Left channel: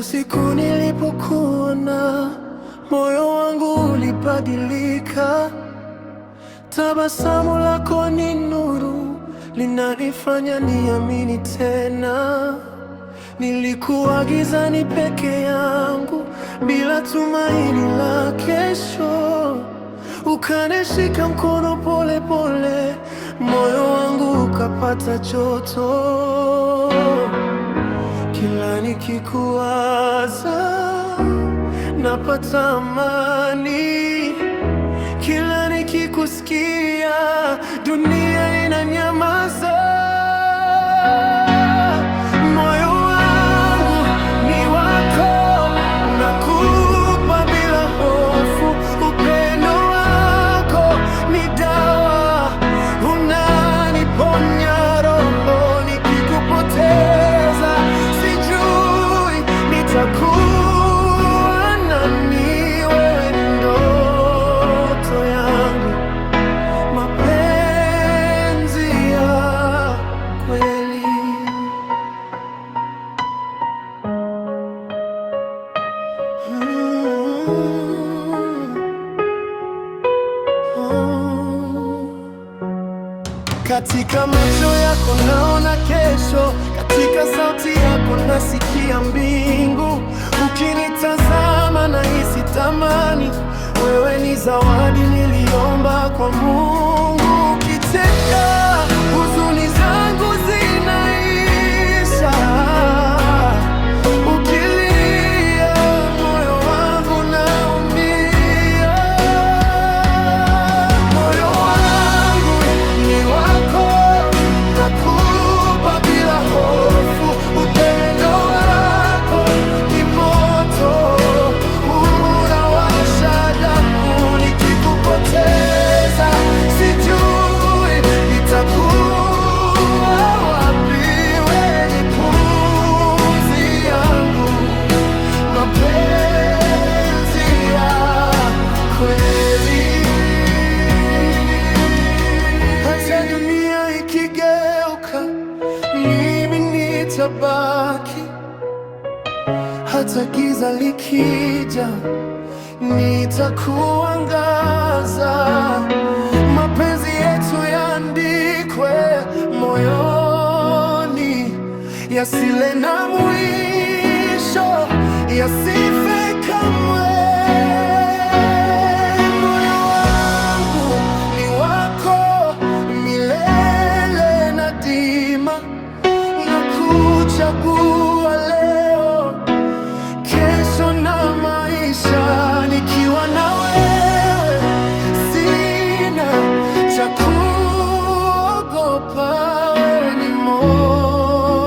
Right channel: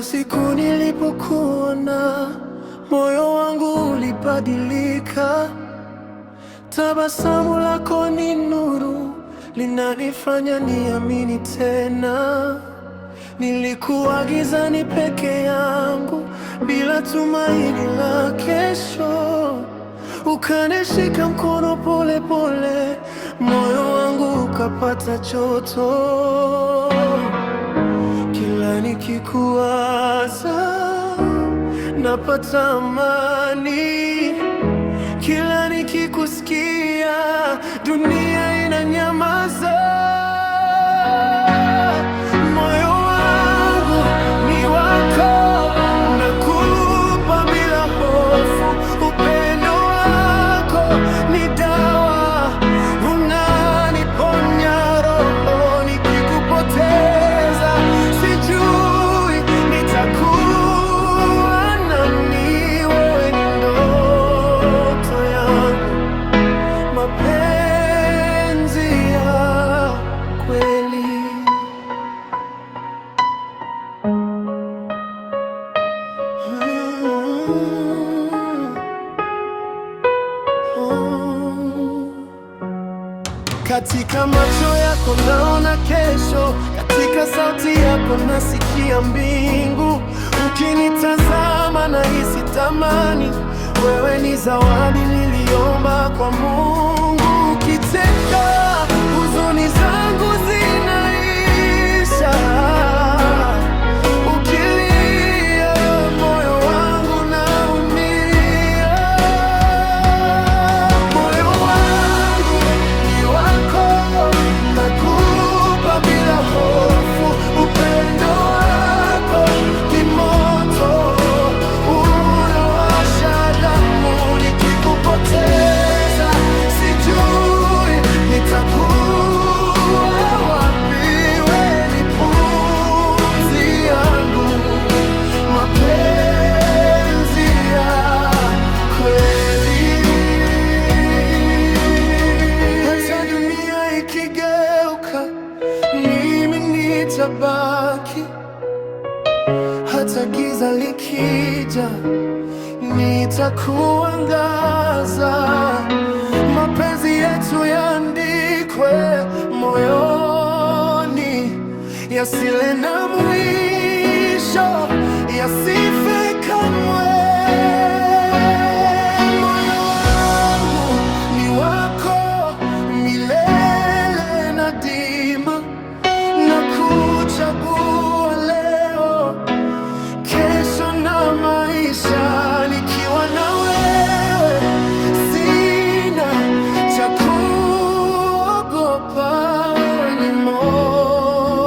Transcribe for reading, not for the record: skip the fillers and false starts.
Tangu siku nilipokuona, moyo wangu ulibadilika. Tabasamu lako ni nuru, linanifanya niamini tena. Nilikuwa gizani peke yangu, bila tumaini la kesho. Ukanishika mkono pole pole, moyo wangu ukapata joto. Kila nikikuwaza napata amani, kila nikikusikia dunia inanyamaza. Moyo wangu ni wako, nakupa bila hofu. Upendo wako ni dawa, unaniponya roho. Nikikupoteza sijui nitakuwa nani. Wewe ni ndoto yangu, mapenzi ya kweli. Katika macho yako naona kesho, katika sauti yako nasikia mbingu. Ukinitazama nahisi tamani, wewe ni zawadi niliomba kwa Mungu. Ukicheka huzuni zangu zinaisha, ukilia moyo wangu naumia. Moyo wangu ni wako, nakupa bila hofu. Upendo wako ni moto, unawasha damu. Nikikupoteza sijui nitakuwa wapi. We ni pumzi yangu, mapenzi ya kweli. Hata dunia ikigeuka, mimi nitabaki. Hata giza likija, nitakuangaza. Mapenzi yetu yaandikwe moyoni, yasile na mwisho, yasife kamwe. Moyo wangu ni wako milele na daima. Nakuchagua leo, kesho na maisha. Nikiwa na wewe sina cha kuogopa. Wewe ni moyo